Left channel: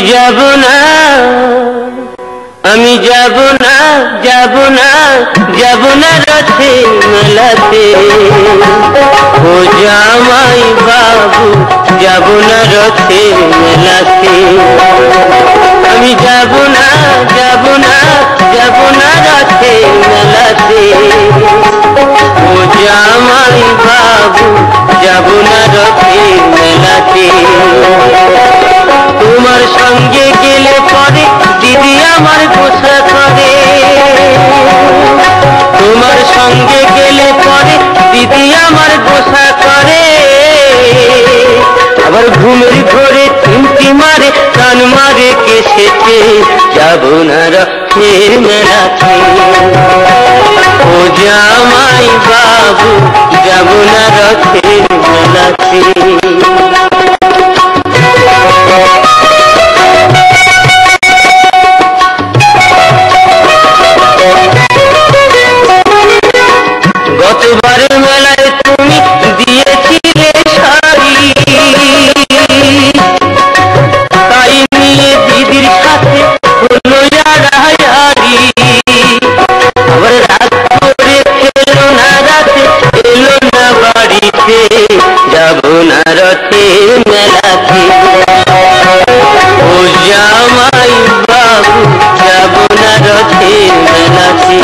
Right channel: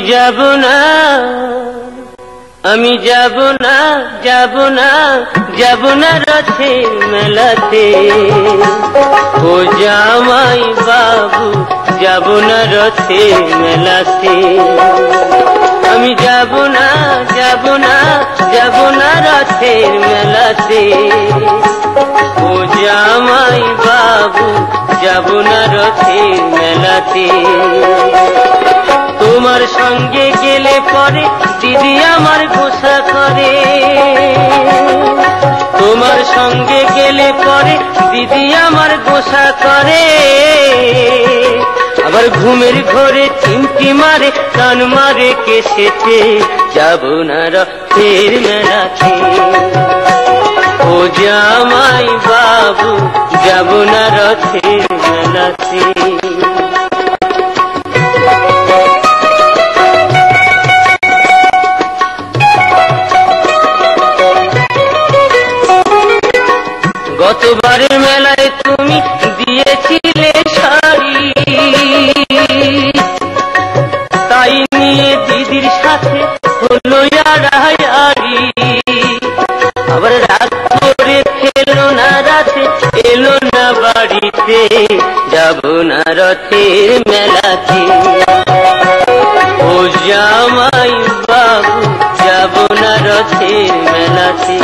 যাব না, আমি যাব না, যাব না, যাব না রথে মেলাতে। ও জামাই বাবু যাব না রথে মেলাতে। আমি যাব না, যাব না, যাব না রথে মেলাতে। ও জামাই বাবু যাব না রথে মেলাতে। তোমার সঙ্গে গেলে পরে দিদি আমার গোসা করে। তোমার সঙ্গে গেলে পরে দিদি আমার গোসা করে। আবার ঘুমের ঘরে চিমটি মারে, কান মারে কেসেতে। যাব না রথের মেলাতে। ও জামাই বাবু যাব না রথের মেলাতে। গতবারের মেলায় তুমি দিয়েছিলে শাড়ি, তাই নিয়ে দিদির সাথে হলো আড়াআড়ি। আবার রাত করে খেলো না, রাতে এলো না বাড়িতে। যাব না রথের মেলাতে। ও জামাই বাবু যাব না রথের মেলাতে।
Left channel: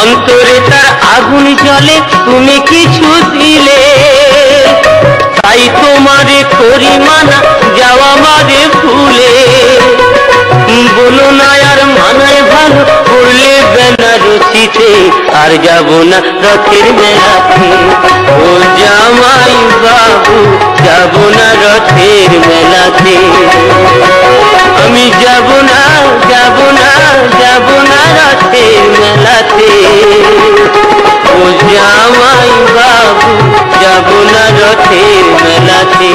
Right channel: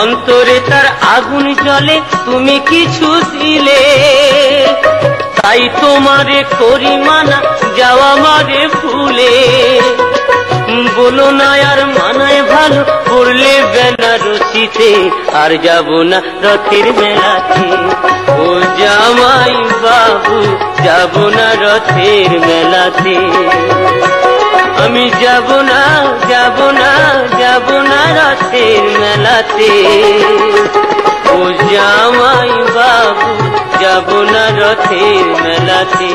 অন্তরে তার আগুন জ্বলে, তুমি কিছু দিলে। তাই তোমারে করি মানা, যাওয়া মারে ফুলে। বলো না আর মানায় ভালো, পড়লে বেনারসিতে। আর যাব না রথের মেলাতে। ও জামাই বাবু যাব না রথের মেলাতে। আমি যাব না, যাব না, যাব না রথের মেলাতে। ও জামাই বাবু যাব না রথের মেলাতে।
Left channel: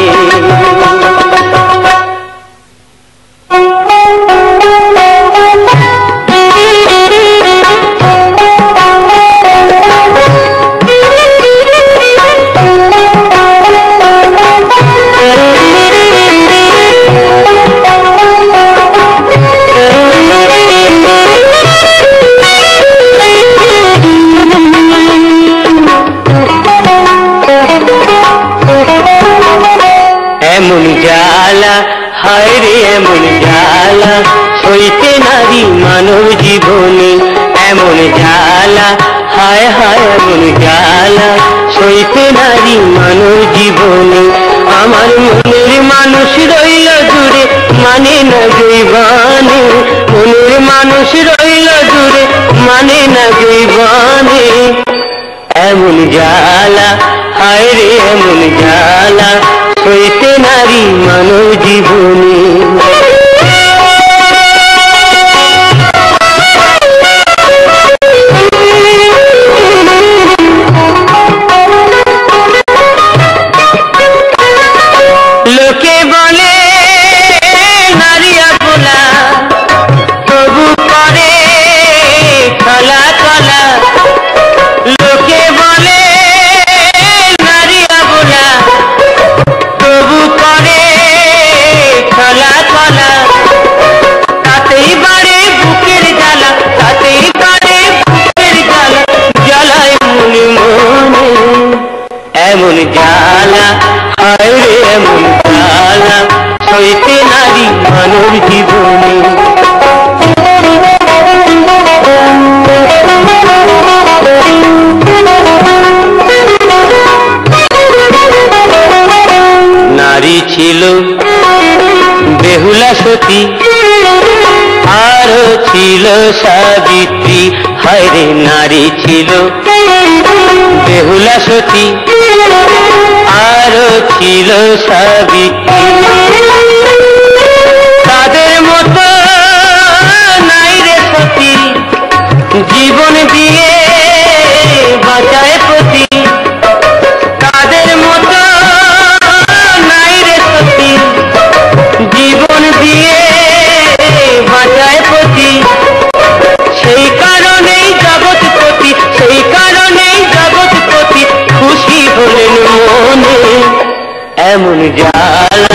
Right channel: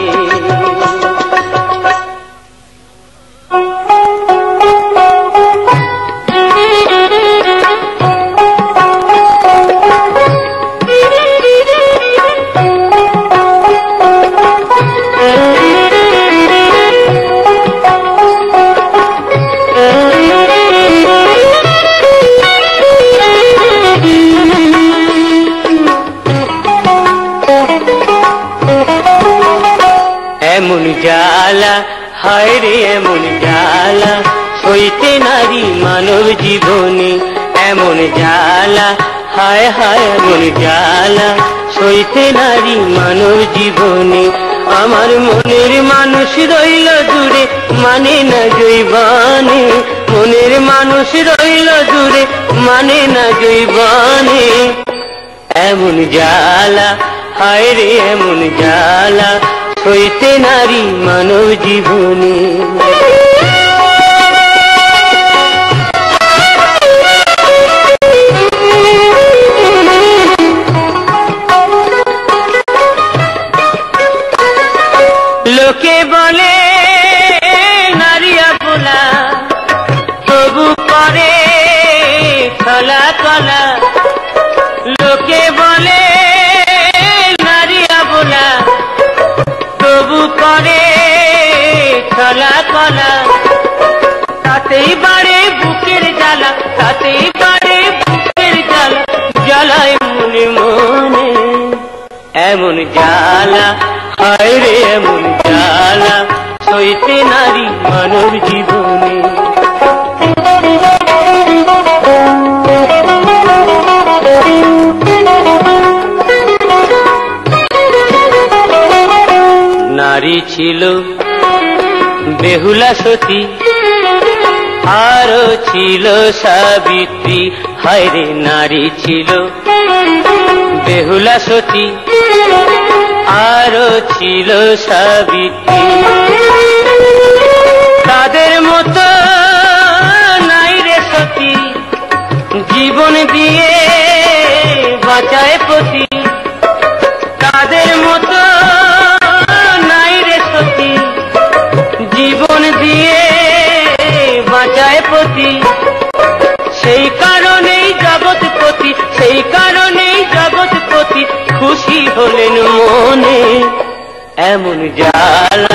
এমন জ্বালা, হায় রে এমন জ্বালা, সইতে নারী মানব জীবনে। এমন জ্বালা, হায় হায় এমন জ্বালা, সইতে নারী মানব জীবনে। আমার মনের মানুষ রইল দূরে, মানে না গইবানে। মনের মানুষ রইল দূরে, মানে না গইবানে। এমন জ্বালা, হায় রে এমন জ্বালা, সইতে নারী মানব জীবনে। লোকে বলে নারী আপনা, তবু করে খলা খলা। লোকে বলে নারী আপনা, তবু করে খলা খলা। তাতেই বাড়ে বুকের জ্বালা, তাতেই বাড়ে বুকের জ্বালা। জ্বালায় মনে মনে এমন জ্বালা, হায় রে এমন জ্বালা, সইতে নারী মানব জীবনে। নারী ছিল বেহুলা সতী, আরো ছিল সাবিত্রী। হায় রে নারী ছিল বেহুলা সতী, আরো ছিল সাবিত্রী। তাদের মতো নাই রে সতী, জীবন দিয়ে বাঁচায় প্রতি। তাদের মতো নাই রে সতী, জীবন দিয়ে এমন জ্বালা